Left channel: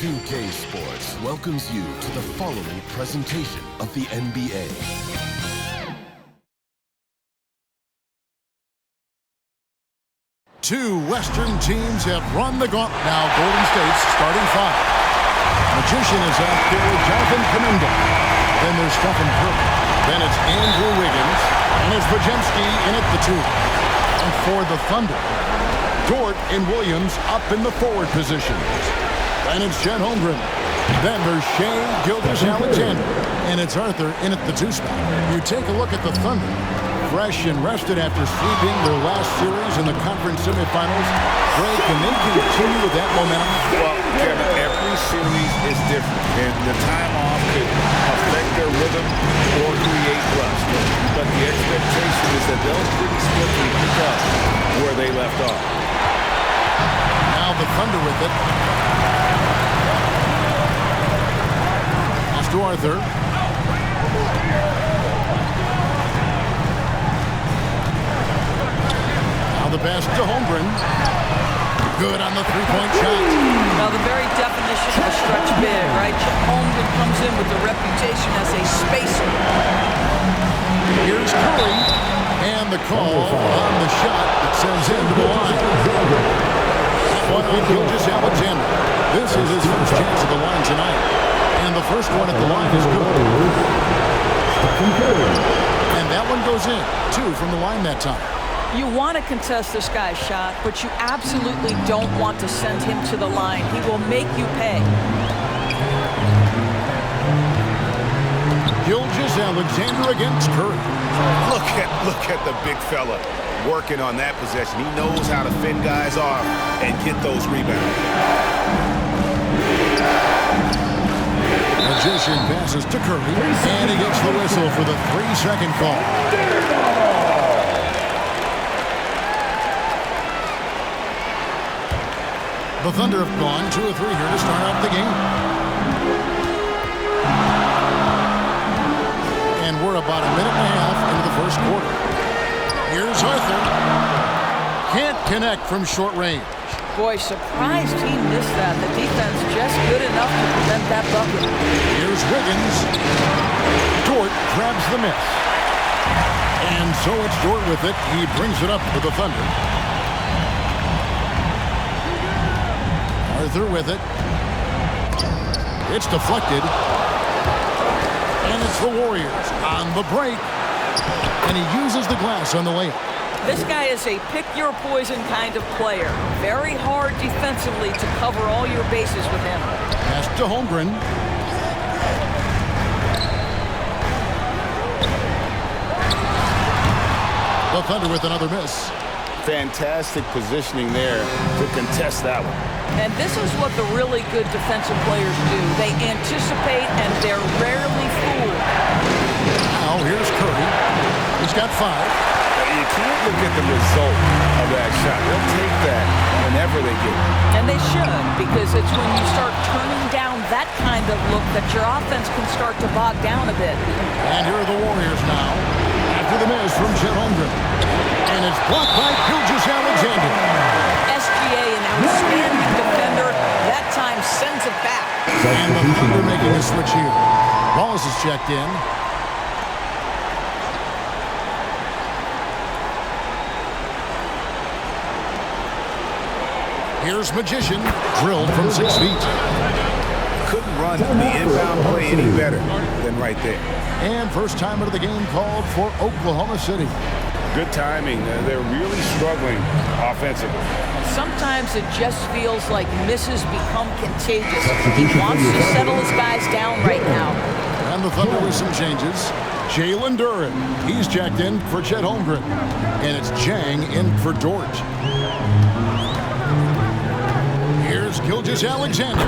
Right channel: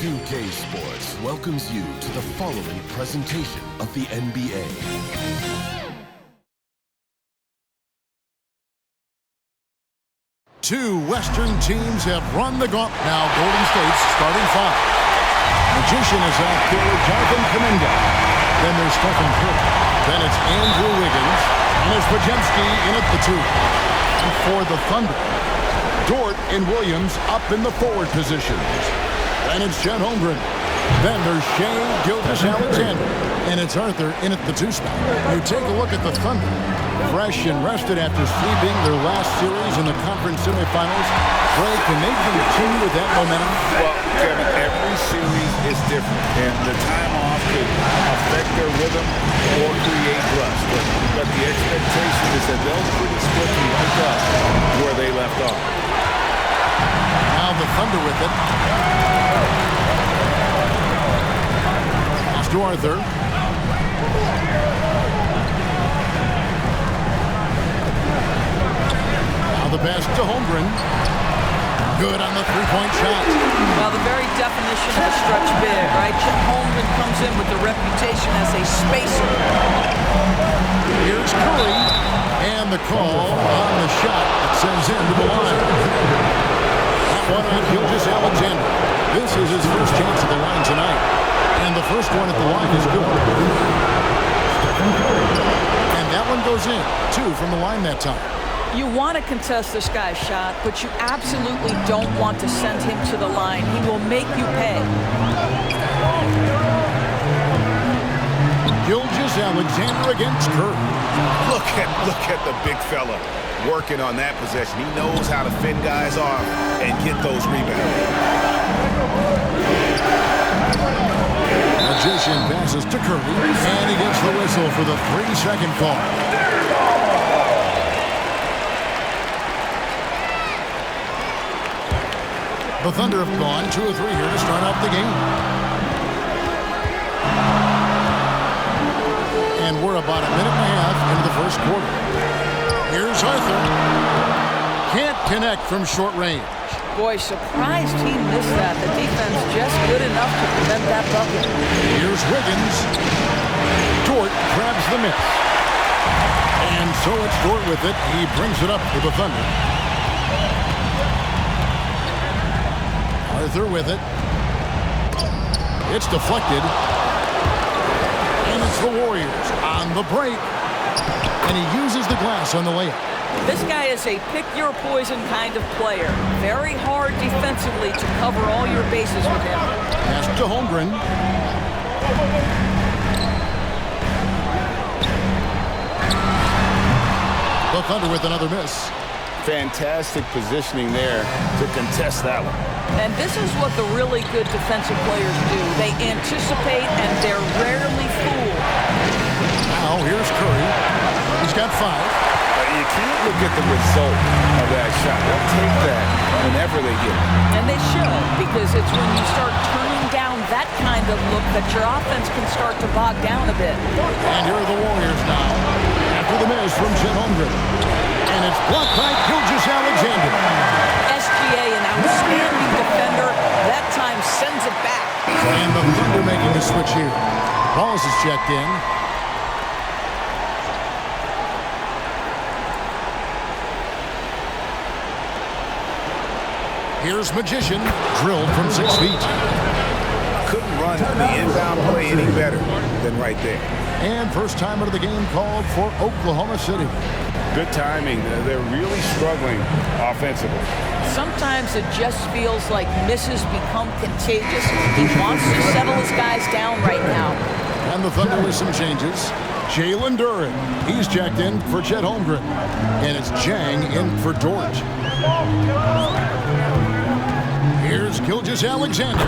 2K Sports welcomes you to the following presentation of the NBA. Two Western teams have run the gauntlet. Now Golden State's starting five. Magician is out there with Jonathan Kuminga. Then there's Stephen Curry. Then it's Andrew Wiggins. And it's Podziemski in at the two. And for the Thunder, Dort and Williams up in the forward positions. Then it's Chet Holmgren. Then there's Shai Gilgeous-Alexander. And it's Arthur in at the two spot. You take a look at the Thunder. Fresh and rested after sweeping their last series in the conference semifinals. Greg, can they continue with that momentum? Well, Kevin, every series is different, and the time off could affect their rhythm or create rust. But the expectation is that they'll pretty swiftly pick up where they left off. Now the Thunder with it. Pass to Arthur. The pass to Holmgren. Good on the three-point shot. Well, the very definition of a stretch big, right? Chet Holmgren comes in with the reputation as a spacer. Here's Curry. And the call on the shot that sends him to the line. That one on Gilgeous-Alexander. This is his first chance at the line tonight. And the first one at the line is good. And that one goes in. 2 from the line that time. You want to contest this guy's shot, but you absolutely don't want to send him to the line. He will make you pay. Gilgeous-Alexander against Curry. Look at the big fella working on that possession. He knows how to fend guys off and get those rebounds. Magician passes to Curry, and he gets the whistle for the 3-second call. The Thunder have gone 2 of 3 here to start out the game. And we're about a minute and a half into the first quarter. Here's Arthur. Can't connect from short range. Boy, surprised he missed that. The defense just good enough to prevent that bucket. Here's Wiggins. Dort grabs the miss. And so it's Dort with it. He brings it up for the Thunder. Arthur with it. It's deflected. And it's the Warriors on the break. And he uses the glass on the layup. This guy is a pick-your-poison kind of player. Very hard defensively to cover all your bases with him. Pass to Holmgren. The Thunder with another miss. Fantastic positioning there to contest that one. And this is what the really good defensive players do. They anticipate and they're rarely fooled. Now here's Curry. He's got 5. You can't look at the result of that shot. They'll take that whenever they get it. And they should, because it's when you start turning down that kind of look that your offense can start to bog down a bit. And here are the Warriors now after the miss from Chet Holmgren. And it's blocked by Gilgeous-Alexander. SGA, an outstanding defender, that time sends it back. And the Thunder making a switch here. Wallace is checked in. Here's Magician, drilled from 6 feet. Couldn't run the inbound play any better than right there. And first time out of the game called for Oklahoma City. Good timing. They're really struggling offensively. Sometimes it just feels like misses become contagious. He wants to settle his guys down right now. And the Thunder with some changes. Jalen Duren, he's checked in for Chet Holmgren. And it's Jang in for Dort. Here's Gilgeous-Alexander.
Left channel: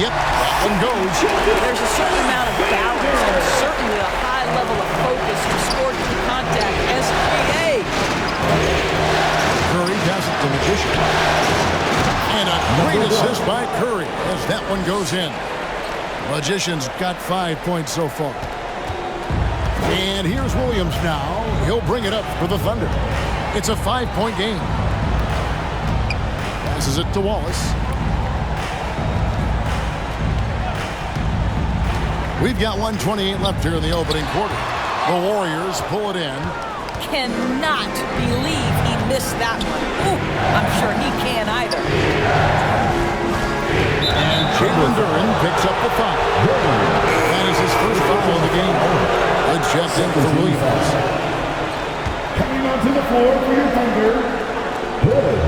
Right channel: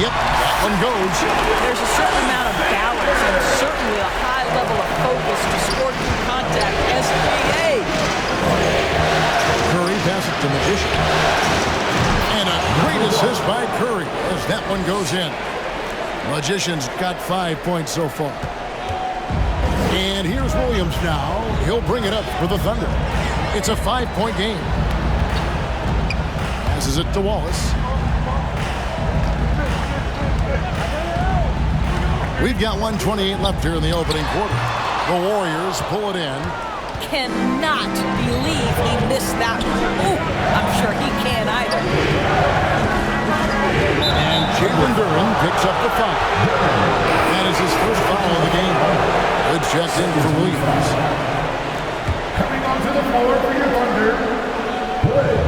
Yep, that one goes. There's a certain amount of balance and certainly a high level of focus to score through contact. SGA. Curry passes to Magician. And a great assist by Curry as that one goes in. Magician's got 5 points so far. And here's Williams now. He'll bring it up for the Thunder. It's a 5-point game. Passes it to Wallace. We've got 1:28 left here in the opening quarter. The Warriors pull it in. Cannot believe he missed that one. Ooh, I'm sure he can't either. And Jalen Duren picks up the foul. That is his first foul of the game. Good check in for Williams. Coming onto the floor for your Thunder, Hood.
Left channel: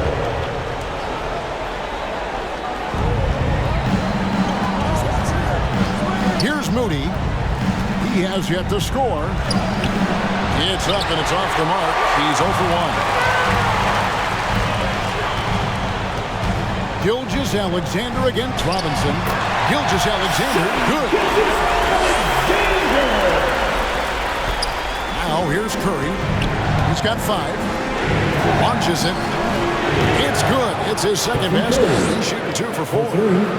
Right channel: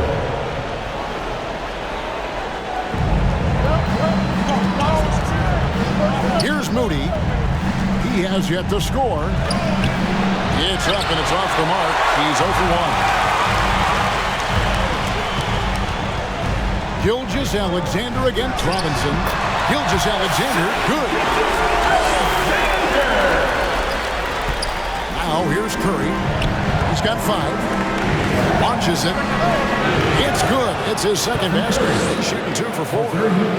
Here's Moody. He has yet to score. It's up and it's off the mark. He's 0 for 1. Gilgeous-Alexander against Robinson. Gilgeous-Alexander, good. Now here's Curry. He's got 5. Launches it. It's good. It's his second basket. He's shooting 2 for 4.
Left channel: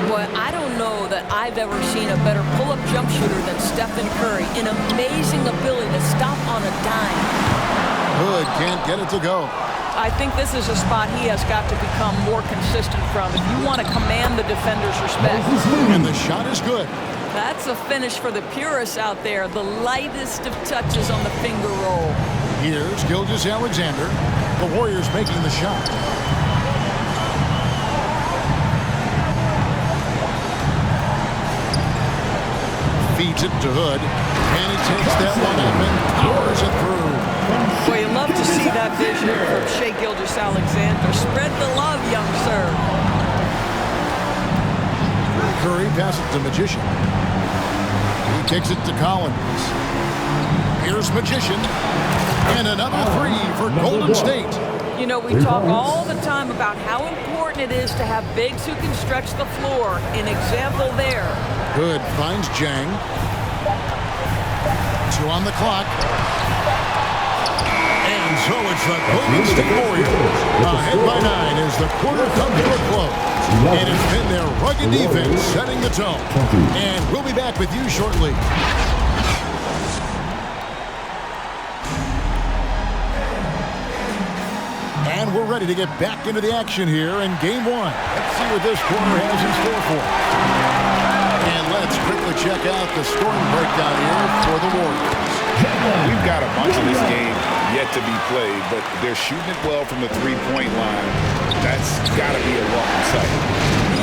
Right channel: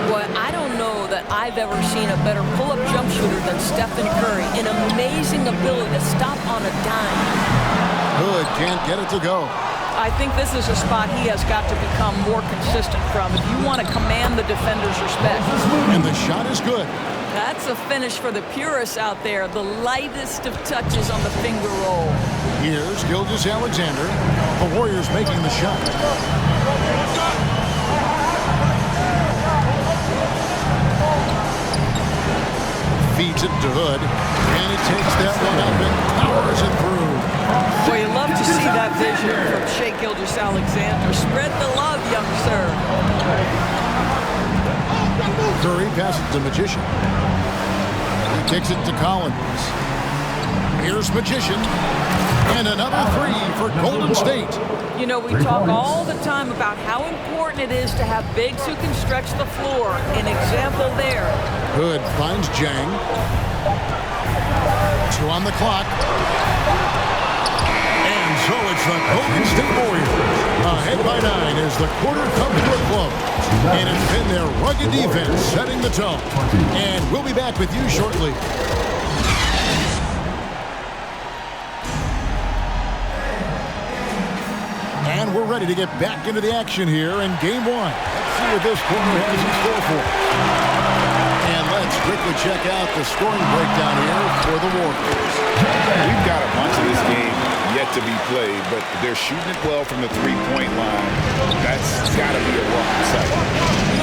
Boy, I don't know that I've ever seen a better pull-up jump shooter than Stephen Curry. An amazing ability to stop on a dime. Hood can't get it to go. I think this is a spot he has got to become more consistent from if you want to command the defender's respect. And the shot is good. That's a finish for the purists out there. The lightest of touches on the finger roll. Here's Gilgeous-Alexander. The Warriors making the shot. Feeds it to Hood. And he takes that one up and powers it through. Boy, you love to see that vision from Shai Gilgeous-Alexander. Spread the love, young sir. Curry passes to Magician. He kicks it to Collins. Here's Magician. And another 3 for Golden State. You know, we talk all the time about how important it is to have bigs who can stretch the floor. An example there. Hood finds Jang. 2 on the clock. And so it's the Golden State Warriors. Ahead by 9 as the quarter comes to a close. And it's been their rugged defense setting the tone. And we'll be back with you shortly. And we're ready to get back into the action here in Game 1. Let's see what this quarter has in store for us. And let's quickly check out the scoring breakdown here for the Warriors. We've got a bunch of this game yet to be played, but they're shooting it well from the three-point line. That's got to be a welcome sight.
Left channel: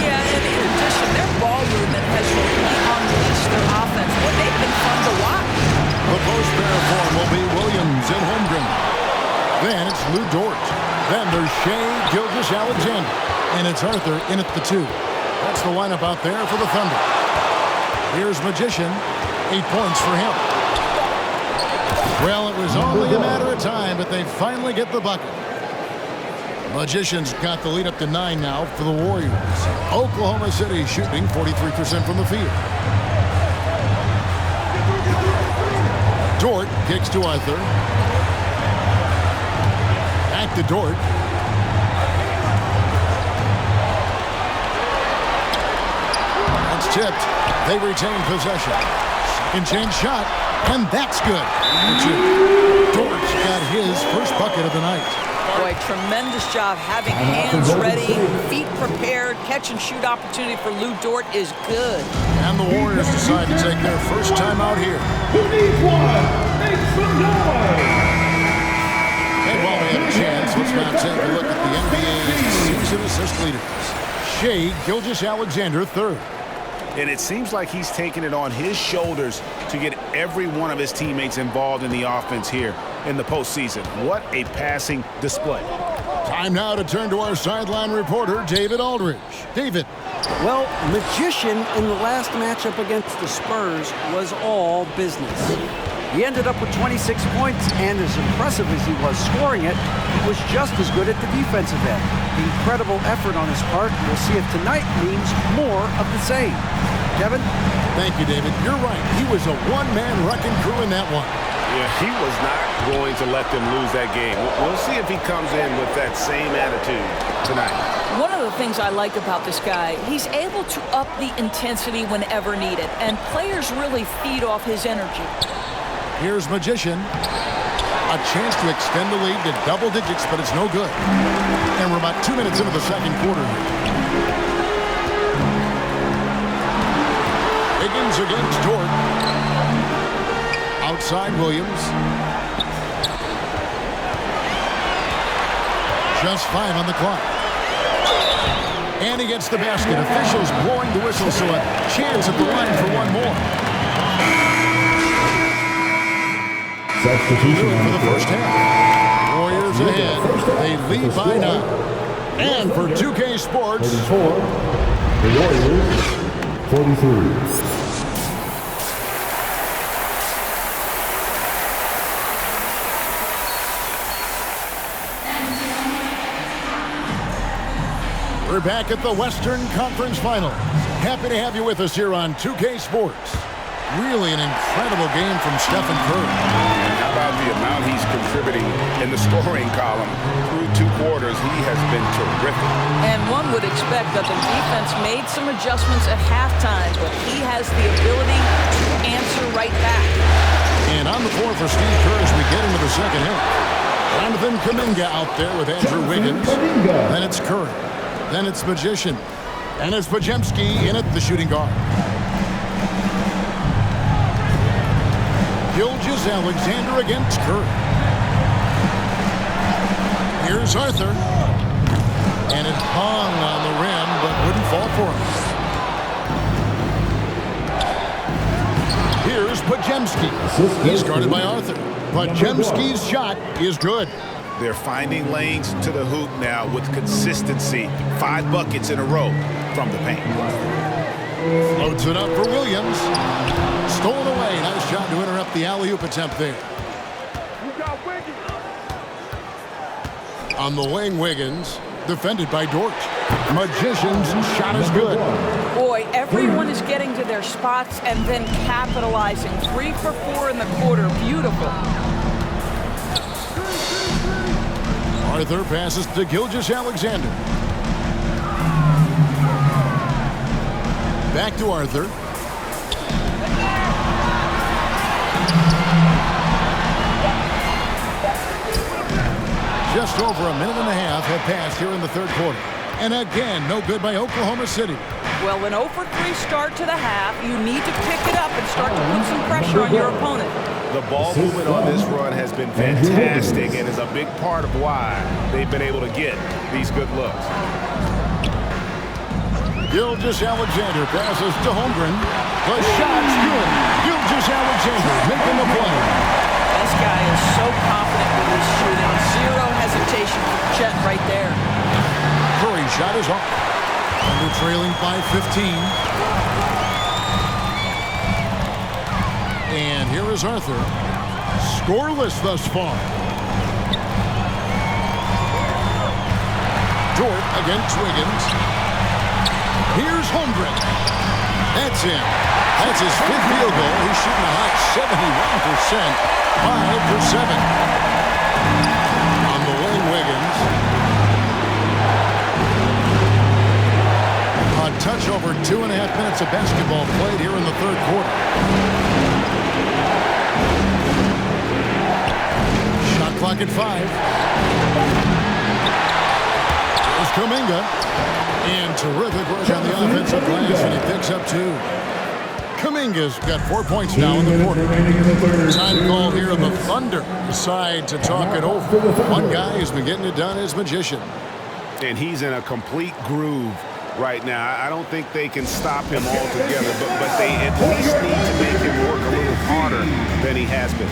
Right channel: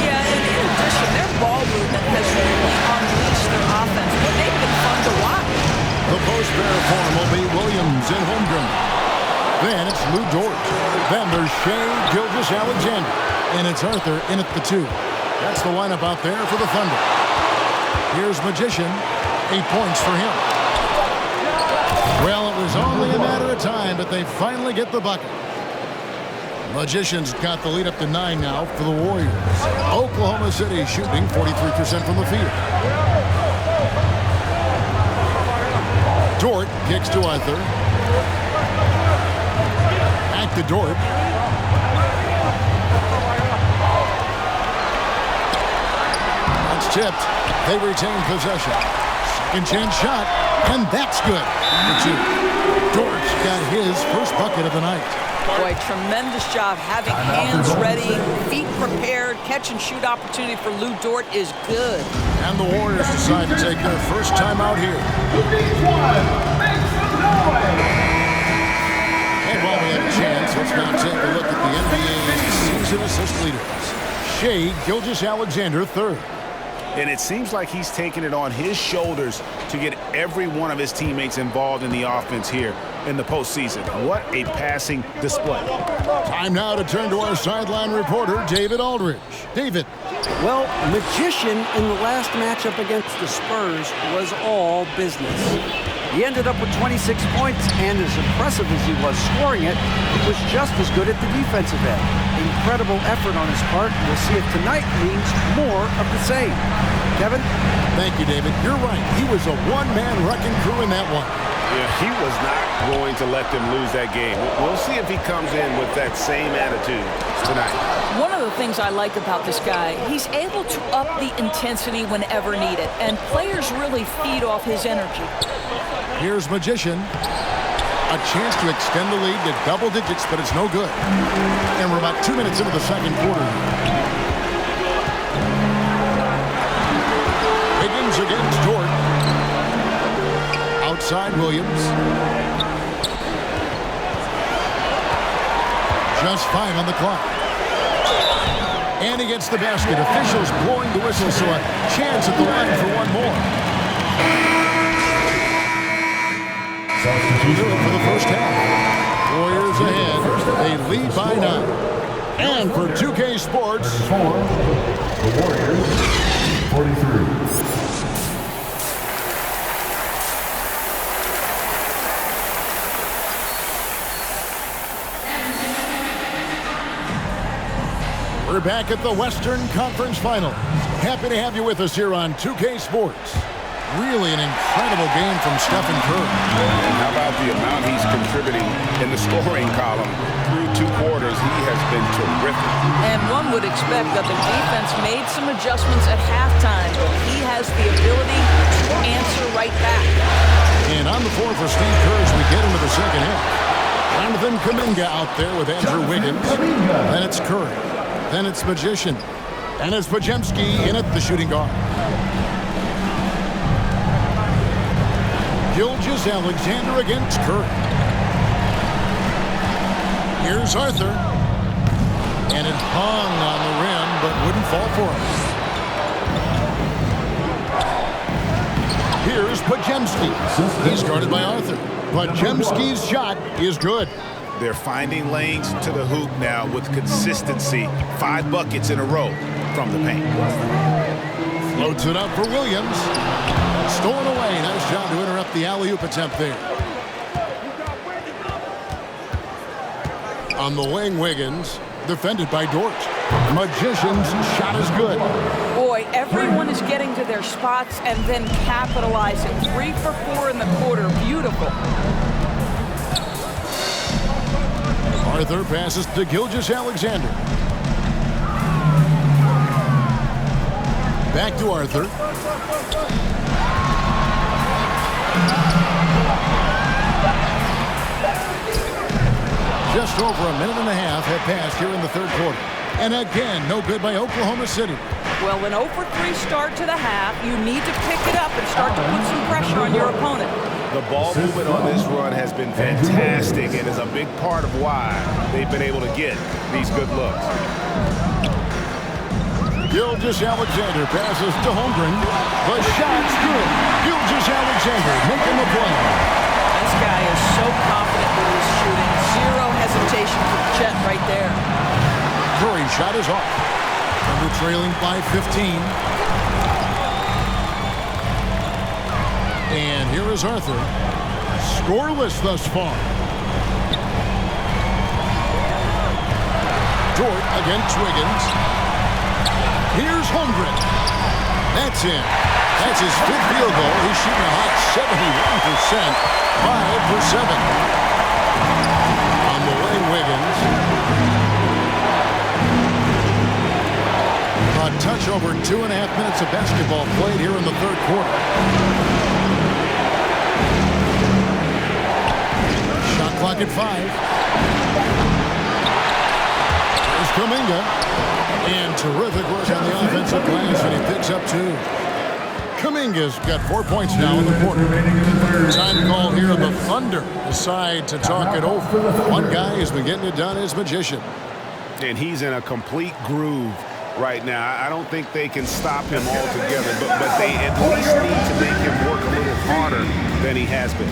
Yeah, and in addition, their ball movement has really unleashed their offense. Well, they've been fun to watch. The post pair form will be Williams and Holmgren. Then it's Lou Dort. Then there's Shai Gilgeous-Alexander. And it's Arthur in at the 2. That's the lineup out there for the Thunder. Here's Magician. 8 points for him. Well, it was only a matter of time, but they finally get the bucket. Magician's got the lead up to 9 now for the Warriors. Oklahoma City shooting 43% from the field. Dort kicks to Arthur. Back to Dort. That's tipped. They retain possession. Second chance shot, and that's good. For 2. Dort's got his first bucket of the night. Boy, tremendous job having hands ready, feet prepared. Catch and shoot opportunity for Lou Dort is good. And the Warriors decide to take their first time out here. Who needs one? Make some noise! And while we have a chance, let's now take a look at the NBA's season assist leaders. Shai Gilgeous-Alexander, 3rd. And it seems like he's taking it on his shoulders to get every one of his teammates involved in the offense here in the postseason. What a passing display. Time now to turn to our sideline reporter, David Aldridge. David. Well, Magician in the last matchup against the Spurs was all business. He ended up with 26 points, and as impressive as he was scoring it, he was just as good at the defensive end. Incredible effort on his part. We'll see if tonight means more of the same. Kevin? Thank you, David. You're right. He was a one-man wrecking crew in that one. Yeah, he was not going to let them lose that game. We'll see if he comes in with that same attitude tonight. One of the things I like about this guy, he's able to up the intensity whenever needed, and players really feed off his energy. Here's Magician. A chance to extend the lead to double digits, but it's no good. And we're about 2 minutes into the second quarter. Wiggins against Dort. Outside Williams. Just 5 on the clock. And he gets the basket. Officials blowing the whistle, so a chance at the line for one more. Substitution for the first half. Warriors ahead. They lead by 9. And for 2K Sports, 34, the Warriors, 43. We're back at the Western Conference Finals. Happy to have you with us here on 2K Sports. Really an incredible game from Stephen Curry. And how about the amount he's contributing in the scoring column through 2 quarters? He has been terrific. And one would expect that the defense made some adjustments at halftime, but he has the ability to answer right back. And on the floor for Steve Kerr as we get into the second half. Jonathan Kuminga out there with Andrew Wiggins. Then it's Curry. Then it's Magician. And it's Podziemski in at the shooting guard. Gilgeous-Alexander against Curry. Here's Arthur. And it hung on the rim, but wouldn't fall for him. Here's Podziemski. He's guarded by Arthur. Podziemski's shot is good. They're finding lanes to the hoop now with consistency. 5 buckets in a row from the paint. Floats it up for Williams. Stolen away. Nice job to interrupt the alley-oop attempt there. On the wing, Wiggins. Defended by Dort. Magician's shot is good. Boy, everyone is getting to their spots and then capitalizing. 3 for 4 in the quarter. Beautiful. Arthur passes to Gilgeous-Alexander. Back to Arthur. Just over a minute and a half have passed here in the third quarter. And again, no good by Oklahoma City. Well, an 0 for 3 start to the half. You need to pick it up and start to put some pressure on your opponent. The ball movement on this run has been fantastic and is a big part of why they've been able to get these good looks. Gilgeous-Alexander passes to Holmgren. The shot's good. Gilgeous-Alexander making the play. This guy is so confident with his shooting. 0 hesitation for Chet right there. Curry's shot is off. Thunder trailing by 15. And here is Arthur. Scoreless thus far. Dort against Wiggins. Here's Holmgren. That's in. That's his 5th field goal. He's shooting a hot 71%. 5 for 7. On the wing, Wiggins. A touch over 2.5 minutes of basketball played here in the third quarter. Shot clock at 5. There's Kuminga. And terrific work on the offensive glass, and he picks up 2. Kuminga's got 4 points now in the quarter. Time call here, and the Thunder decide to talk it over. One guy who's been getting it done is Magician. And he's in a complete groove right now. I don't think they can stop him altogether, but they at least need to make him work a little harder than he has been.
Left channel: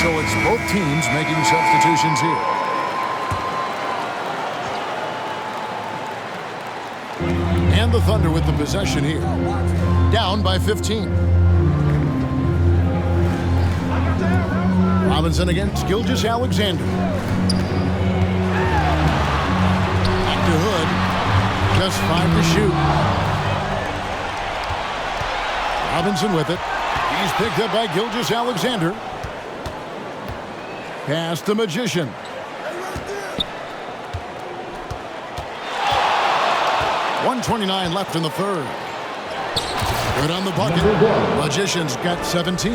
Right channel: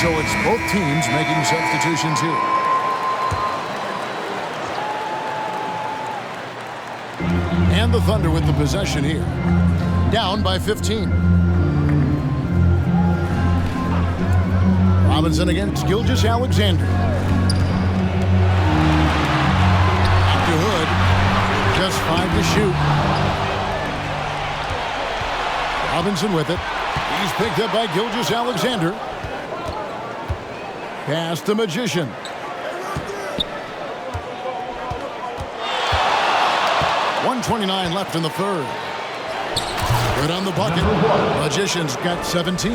So it's both teams making substitutions here. And the Thunder with the possession here. Down by 15. Robinson against Gilgeous-Alexander. Back to Hood. Just 5 to shoot. Robinson with it. He's picked up by Gilgeous-Alexander. Pass to Magician. .129 left in the third. Good on the bucket. Magician's got 17.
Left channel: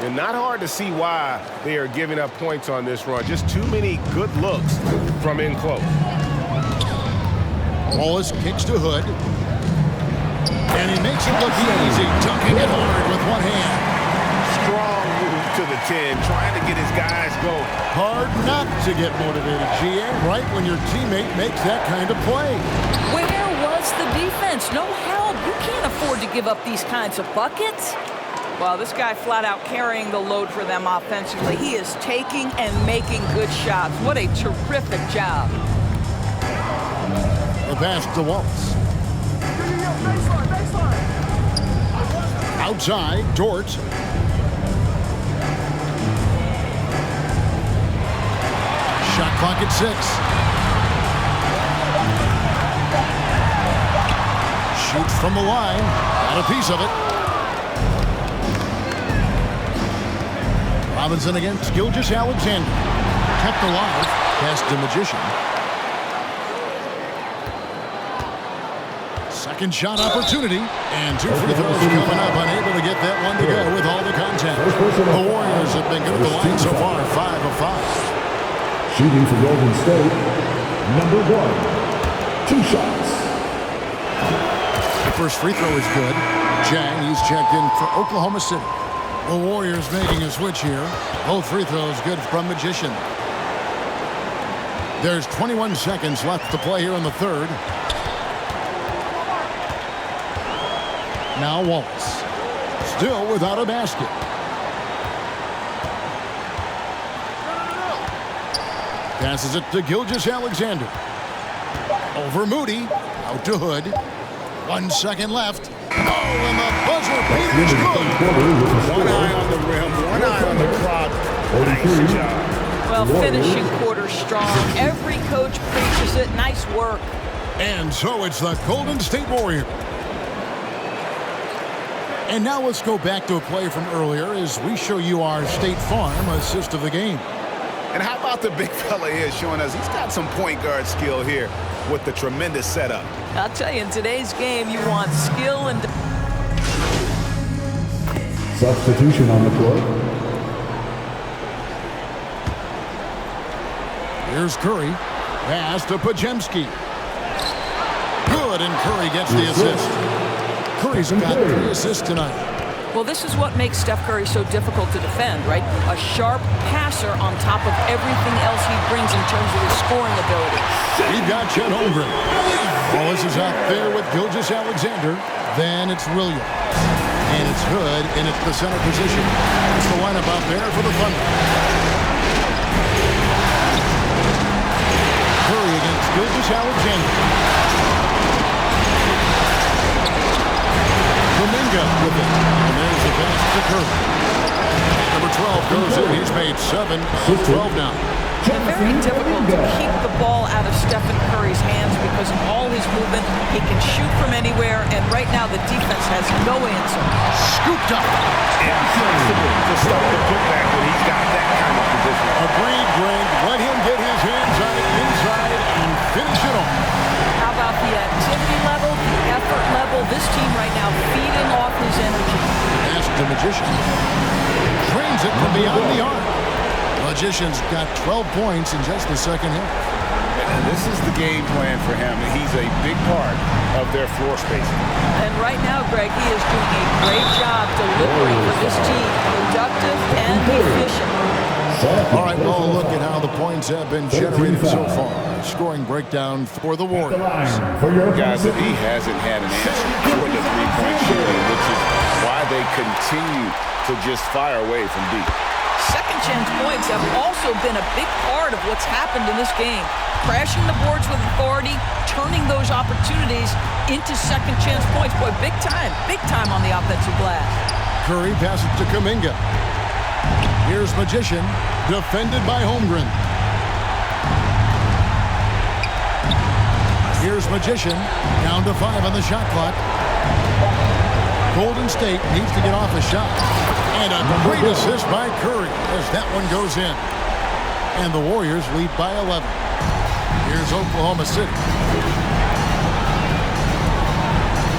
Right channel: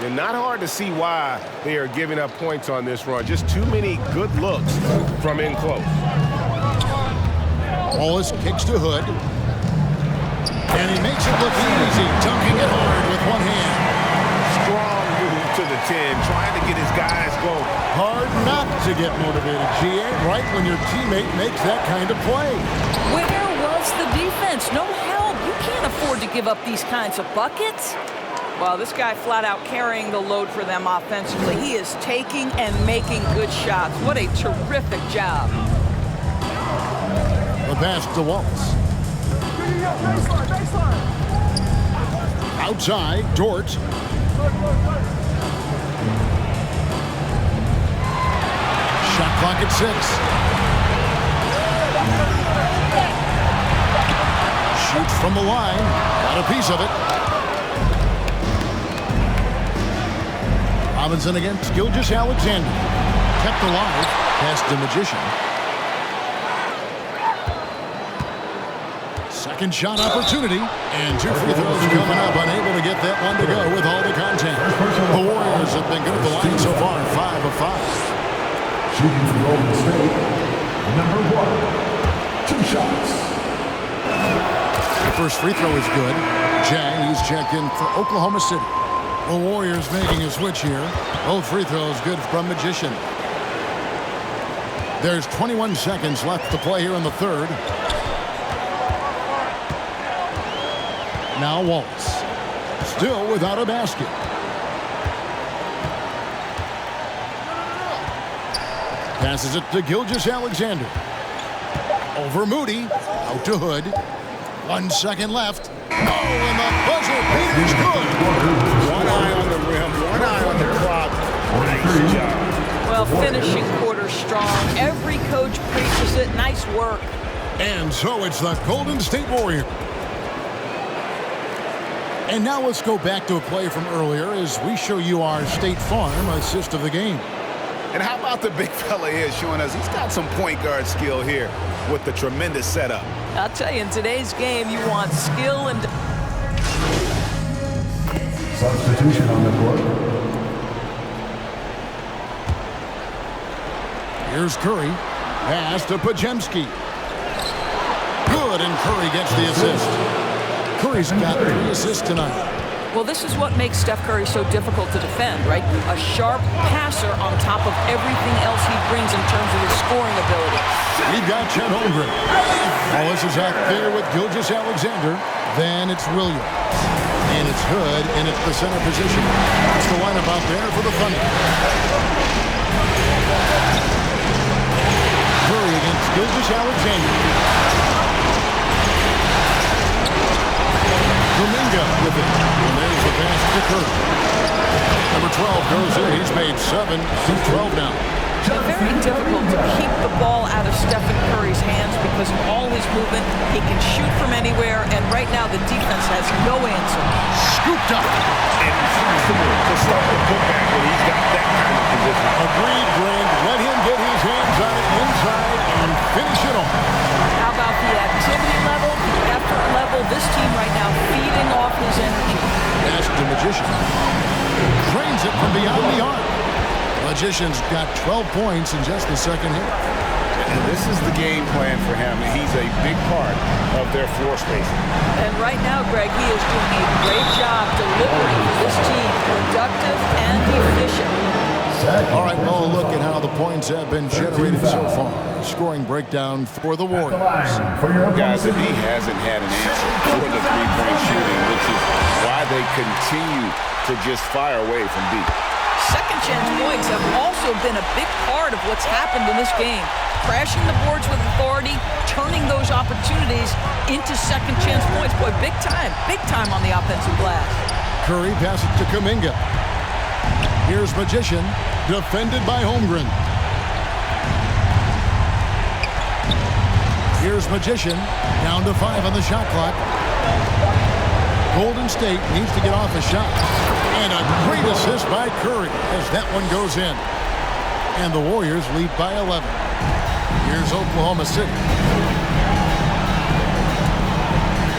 And not hard to see why they are giving up points on this run. Just too many good looks from in close. Wallace kicks to Hood. And he makes it look easy, dunking it hard with one hand. Strong move to the 10, trying to get his guys going. Hard not to get motivated, GA, right when your teammate makes that kind of play. Where was the defense? No help. You can't afford to give up these kinds of buckets. Well, this guy flat out carrying the load for them offensively. He is taking and making good shots. What a terrific job. The pass to Wallace. Outside, Dort. Shot clock at 6. Shoots from the line. Got a piece of it. Robinson against Gilgeous-Alexander. Kept alive. Pass to Magician. Second shot opportunity. And 2 free throws coming up. Unable to get that one to go with all the contact. The Warriors have been good at the line so far. 5 of 5. Shooting for Golden State, number 1. 2 shots. The first free throw is good. Jang, he's checked in for Oklahoma City. The Warriors making a switch here. Both free throws good from Magician. There's 21 seconds left to play here in the third. Now Wallace. Still without a basket. Passes it to Gilgeous-Alexander. Over Moody. Out to Hood. 1 second left. Oh, and the buzzer beater's good. One eye on the rim, one eye on the clock. Nice job. Well, finishing quarter strong. Every coach preaches it. Nice work. And so it's the Golden State Warriors. And now let's go back to a play from earlier as we show you our State Farm assist of the game. And how about the big fella here showing us he's got some point guard skill here with the tremendous setup. I'll tell you, in today's game, you want skill and... Substitution on the court. Here's Curry. Pass to Pajemski. Good, and Curry gets the assist. Curry's got 3 assists tonight. Well, this is what makes Steph Curry so difficult to defend, right? A sharp passer on top of everything else he brings in terms of his scoring ability. We've got Chet Holmgren. Wallace is out there with Gilgeous-Alexander. Then it's Williams. And it's Hood, and it's the center position. It's the lineup out there for the Thunder. Curry against Gilgeous-Alexander. Kuminga with it. And there's the pass to Curry. Number 12 goes in. He's made 7 of 12 now. Very difficult to keep the ball out of Stephen Curry's hands because of all his movement. He can shoot from anywhere, and right now the defense has no answer. Scooped up. Impossible to stop the putback when he's got that kind of position. Agreed, Greg. Let him get his hands on it inside and finish it off. How about the activity level, the effort level? This team right now feeding off his energy. Pass to Magician. Trains it from beyond the arc. Magician's got 12 points in just the second half. And this is the game plan for him. He's a big part of their floor spacing. And right now, Greg, he is doing a great job delivering for this team. Productive and efficient. All right, well, look at how the points have been generated so far. Scoring breakdown for the Warriors. Guys, if he hasn't had an answer for the three-point shooting, which is why they continue to just fire away from deep. Second chance points have also been a big part of what's happened in this game. Crashing the boards with authority, turning those opportunities into second chance points. Boy, big time on the offensive glass. Curry passes to Kuminga. Here's Magician, defended by Holmgren. Here's Magician, down to 5 on the shot clock. Golden State needs to get off a shot. And a great assist by Curry as that one goes in. And the Warriors lead by 11. Here's Oklahoma City.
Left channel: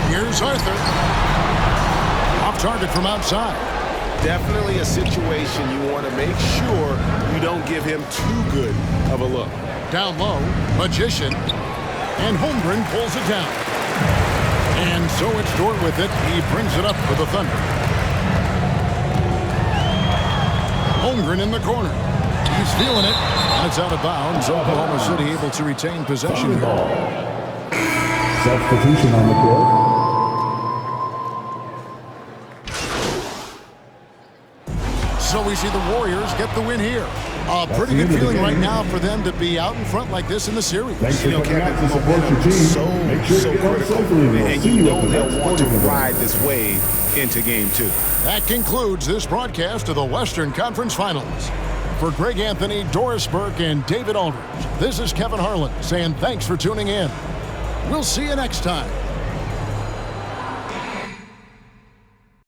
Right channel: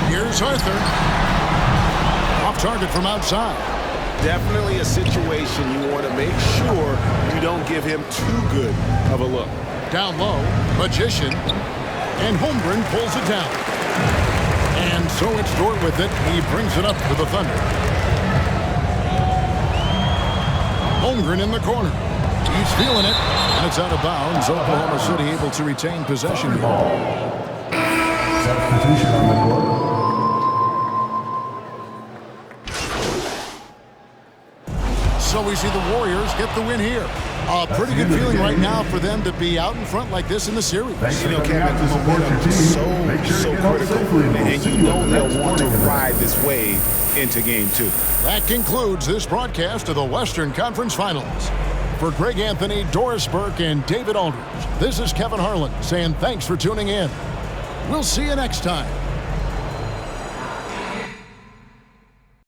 Here's Arthur. Off target from outside. Definitely a situation you want to make sure you don't give him too good of a look. Down low, Magician. And Holmgren pulls it down. And so it's Dort with it. He brings it up for the Thunder. Holmgren in the corner. He's feeling it. And it's out of bounds. Oklahoma City able to retain possession here. Substitution on the court. So we see the Warriors get the win here. A pretty good feeling right now for them to be out in front like this in the series. You know, Kevin, momentum so critical. And you know they'll want to ride this wave into Game 2. That concludes this broadcast of the Western Conference Finals. For Greg Anthony, Doris Burke, and David Aldridge, this is Kevin Harlan saying thanks for tuning in. We'll see you next time.